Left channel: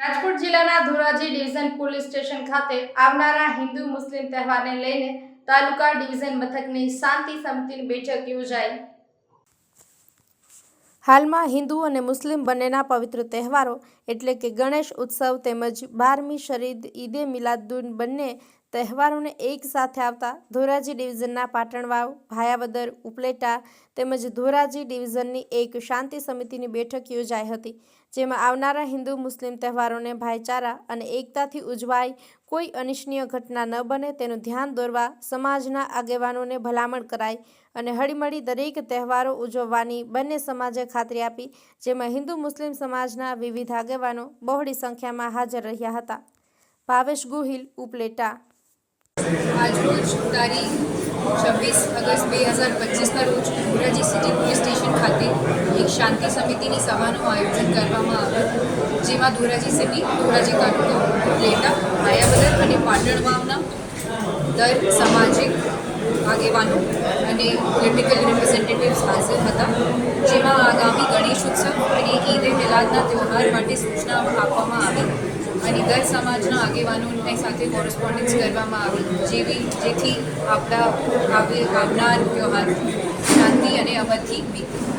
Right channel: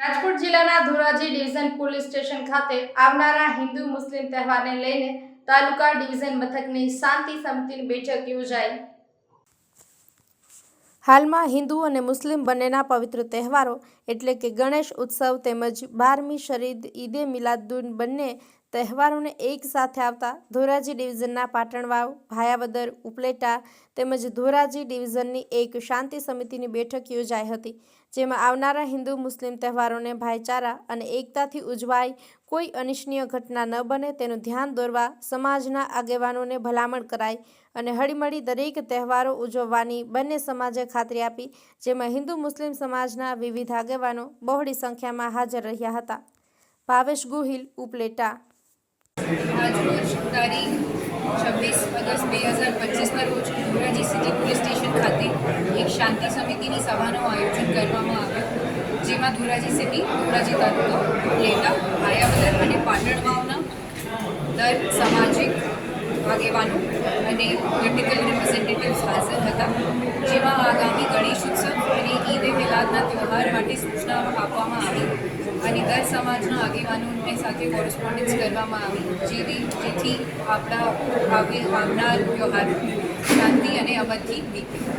રાજકોટ જિલ્લાના Dhoraji division police station ખાતે આવનારા હિન્દુ મુસ્લિમ તહેવારને લઈને તાલુકા ડિવિઝન મથકની શાંતિ સમિતિની બેઠક યોજાઈ. હાલમાં હિન્દુ અને મુસ્લિમ બંનેના પવિત્ર તહેવારો એટલે કે ગણેશ ઉત્સવ તેમજ બારમી શરીદ ઈદે મિલાદુન બંને તહેવારોને એક સાથે આવતા ધોરાજી ડિવિઝનના પાટણવાવ, ભાયાવદર, ઉપલેટા તેમજ ધોરાજી ડિવિઝનની એક શાંતિ સમિતિની બેઠક યોજાઈ હતી, જેમાં આવનારા હિન્દુ મુસ્લિમ તહેવારોને ભાઈચારા અને એકતાથી ઉજવાય કોઈ અનિચ્છનીય ઘટના ન બને તેનું ધ્યાન દોરવા સમાજના આગેવાનોને ભલામણ કરાઈ અને હળીમળી દરેક તહેવારો ઉજવવાની બંને સમાજે ખાતરી આપી, જેમાં હિન્દુ મુસ્લિમ સમાજના વિવિધ આગેવાનો બહોળી સંખ્યામાં હાજર રહ્યા હતા. ભાવેશ ગોહિલ, ઉપલેટા આજરોજ તારીખ છવ્વીસ ઓગસ્ટ બે હજાર પચીસના રોજ ધોરાજી સિટી પોલીસ સ્ટેશન ખાતે એક શાંતિ સમિતિની સભાનું આયોજન કરવામાં આવ્યું, જેમાં ધોરાજી સિટી, ધોરાજી તાલુકો લેટા માયાવદર અને પાટણવાવના દર સામાજિક આગેવાનો અને પોલિટિકલ રિપ્રેઝેન્ટેટિવ્સ હાજર હતા, જેમાં આગામી ગણેશ ઉત્સવ અને ઈદ એ મિલાદના તહેવાર માટે સૂચનાઓ આપવામાં આવી. અને દર સમાજના આગેવાનોને સાથે કોરસ્પોન્ડન્સ કરવામાં આવી જેવી જેથી આપણા આવે આવનાર વ્યવહાર શાંતિ અને અમદથી બીતે